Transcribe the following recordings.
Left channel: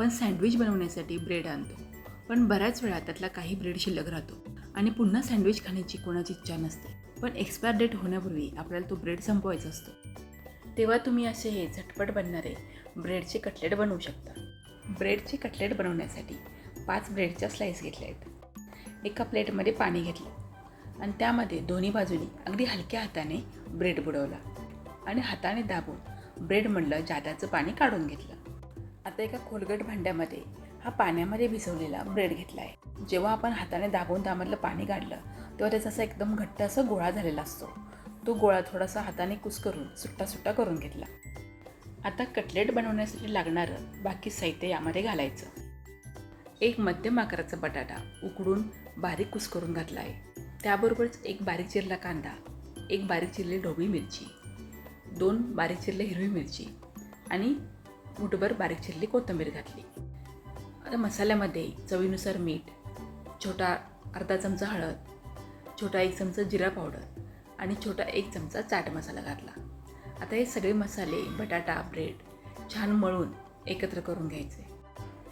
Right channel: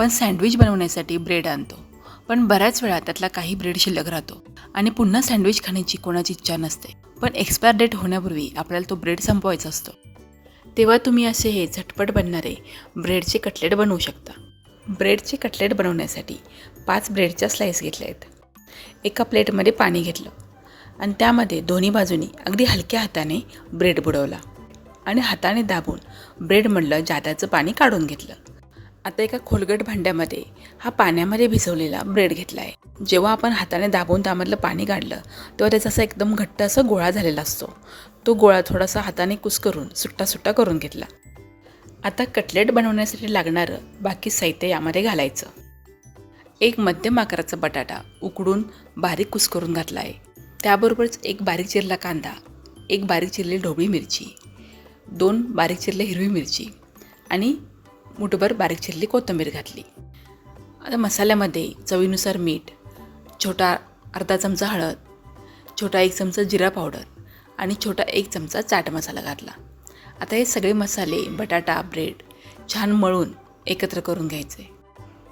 आपण सँडविच बनवण्यासाठी ब्रेड आणतो, पण बऱ्याच वेळा त्यातला काही ब्रेड शिल्लक राहतो आणि पुन्हा सँडविच खाण्याची कोणाची इच्छा नसते. पण एक्सपायर डेट होण्यापूर्वी आपल्याला तो ब्रेड संपवायचा असतो. तेव्हा तुम्ही असे हे झटपट बनणारे ब्रेडचे कटलेट बनवू शकता. ब्रेडचे कटलेट बनवण्यासाठी 5 ब्रेडच्या स्लाईस घेतल्या आहेत. एका प्लेटमध्ये पाणी घेतलं आणि त्यामध्ये दोन्ही बाजूनी अगदी हलक्या हाताने ब्रेड बुडवला आणि हाताने दाबून ब्रेडमधलं जादाचं पाणी काढून घेतलं. आता एका खोलगट भांड्यामध्ये हा पाण्यामध्ये भिजवलेला ब्रेड घेतला आहे. जेव्हा आपण हाताने दाबून त्यामधलं पाणी काढलं तेव्हा त्याचा असा एकदम घट्ट असा गोळा झालेला असतो. तो गोळा थोडासा हाताने कुस्करून सुट्टा सुट्टा करून घेतला. आता कटलेट बनवण्यासाठी लागणारं बाकी साहित्य यामध्ये घालायचं. एक मध्यम आकाराचा बटाटा उकडून बारीक कुस्करून घातला आहे. त्याबरोबरच एक बारीक चिरला कांदा, एक बारीक चिरलेली ढोबळी मिरची, 2 बारीक चिरले हिरवी मिरची आणि मुठभर बारीक चिरली कोथिंबीर घातली. आता मसाल्यामध्ये चवीनुसार मीठ, छोटा अर्धा चमचा हळद, छोटा 1 चमचा जिरा पावडर आणि छोटा 1 चमचा चाट मसाला घातला. आता हे सगळे मसाले बटाटा ब्रेड छान मळून एकत्र करून घ्यायचे.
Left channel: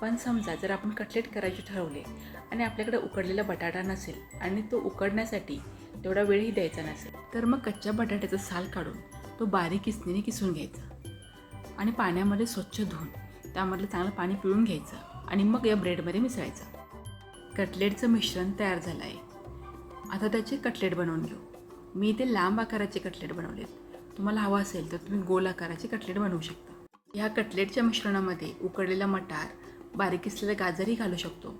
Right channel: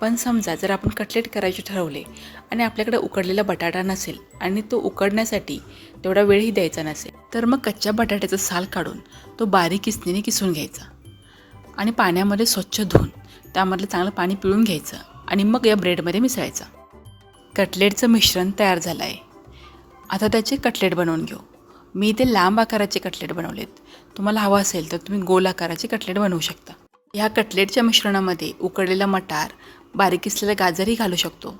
पण समजा जर आपण कटलेट करायचे ठरवले आणि आपल्याकडे उकडलेला बटाटा नसेल आणि तो उकडण्यासाठी तेवढा वेळही द्यायचा नसेल, तर मग कच्च्या बटाट्याचा साल काढून तो बारीक किसणीने किसून घ्यायचा आणि पाण्यामध्ये स्वच्छ धुवून त्यामधलं चांगलं पाणी पिळून घ्यायचं आणि मग या ब्रेडमध्ये मिसळायचं. कटलेटचं मिश्रण तयार झालं आहे. आता त्याचे कटलेट बनवून घेऊ. मी इथे लांब आकाराचे कटलेट बनवलेत. तुम्हाला हवं असेल तर तुम्ही गोल आकाराचे कटलेट बनवू शकता. ह्या कटलेटच्या मिश्रणामध्ये उकडलेला मटार, बारीक किसलेला गाजरही घालू शकतो.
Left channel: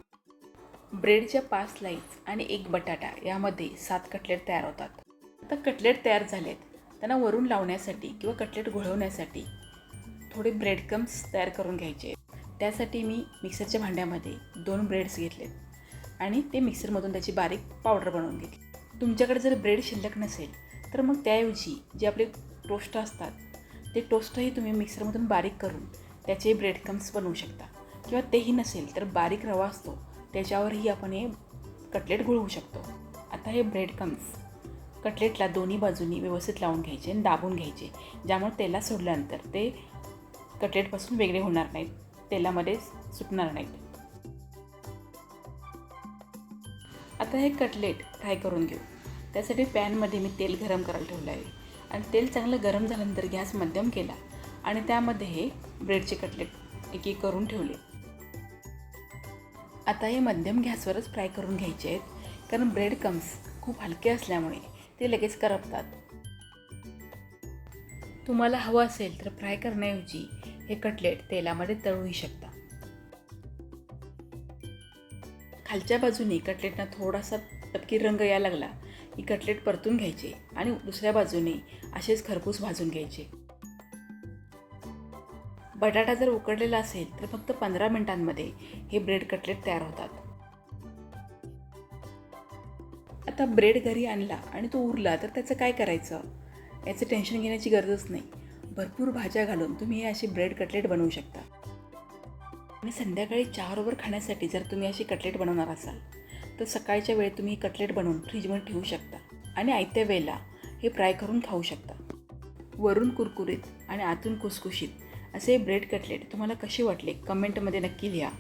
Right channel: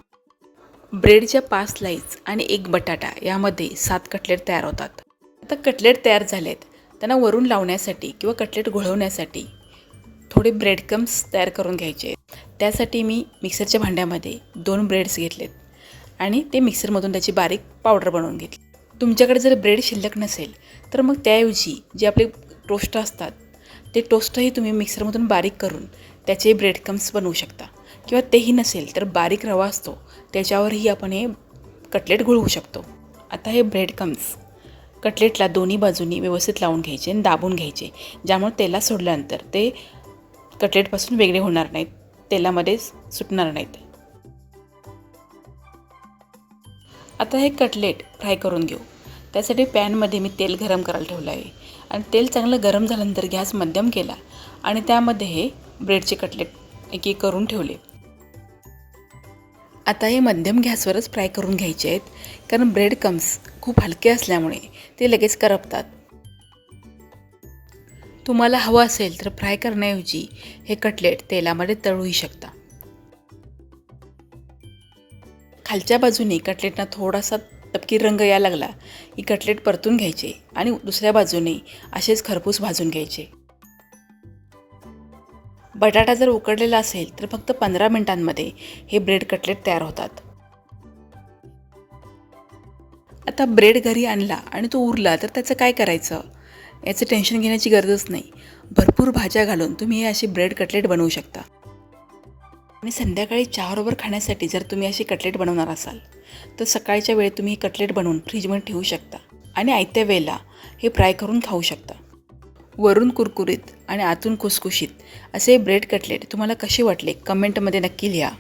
ब्रेडच्या 5 स्लाईस आणि 1 बटाटा यामध्ये 7 कटलेट तयार होतात. आता कटलेट तयार झालेत, त्यांना वरून लावण्यासाठी किंवा कटलेट घोळवण्यासाठी थोडे ब्रेड क्रम्स तयार करून घ्यायचे. त्यासाठी मी मिक्सरच्या भांड्यामध्ये 2 ब्रेड्स घेतलेत आणि ते मिक्सरमधून त्याची बारीक पावडर बनवून घेतली. तुमच्याकडे जर ब्रेड शिल्लक नसेल तर मग त्याऐवजी जे आपले टोस्ट असतात ते टोस्टही तुम्ही मिक्सरमधून बारीक करून त्याचे ब्रेड क्रम्स बनवू शकता. किंवा तेही नसेल तर बारीक रवा असतो त्याच्यावरही आपण हे कटलेट घोळवू शकतो. आता हे ब्रेड क्रम्स कटलेटला दोन्ही बाजूनी व्यवस्थित लावून घ्यायचे आणि दाबून घ्यायचे, ज्यामुळे तेलात सोडल्यानंतर ते कटलेटपासून वेगळे होणार नाहीत, तेलामध्ये सुटणार नाहीत. आता हे कटलेट फ्राय करून घेऊ. त्यासाठी पॅनमध्ये मी तेल गरम करायला ठेवलं आहे आणि तेल चांगलं गरम झाल्यानंतर गॅस मध्यम केला आणि त्यामध्ये हे ब्रेडचे कटलेट एक एक करून ठेवले. आता हे मध्यम गॅसवरच फ्राय करून घ्यायचे आहेत, कारण ब्रेड क्रम्स खूप हलके असल्यामुळे ते लगेच करपतात. तुम्हाला हवं असेल तर फ्राय करण्याऐवजी हे कटलेट तेलामध्ये तळूही शकता. खालच्या बाजूने कटलेटना थोडासा तपकीर रंग यायला लागला की कटलेट परतून घ्यायचे आणि दुसऱ्या बाजूने असेच खरपूस भाजून घ्यायचे. बटाटा जर उकडलेला असेल तर फक्त 15 मिनिटांमध्ये हे ब्रेड कटलेट तयार होतात. आता ब्रेड घरी आणला आणि तो उरला तर त्याचं काय करायचं याचं टेन्शन घेण्याची गरजच नाही. भरपूर भाज्या घालून तुम्ही हे असे ब्रेड कटलेट बनवू शकता. आणि संध्याकाळी चहाबरोबर खाण्यासाठी जर तुम्ही असे कटलेट बनवणार असाल तर सकाळच्या वेळेत तुम्ही हे कटलेट बनवून फ्रीजमध्ये ठेवू शकता आणि आयत्या वेळेला हे फ्राय करून खाऊ शकता. वरून कुरकुरीत आणि आतून खुसखुशीत असे ब्रेड कटलेट तुम्हाला कसे वाटले कमेंटमध्ये नक्की लिहा.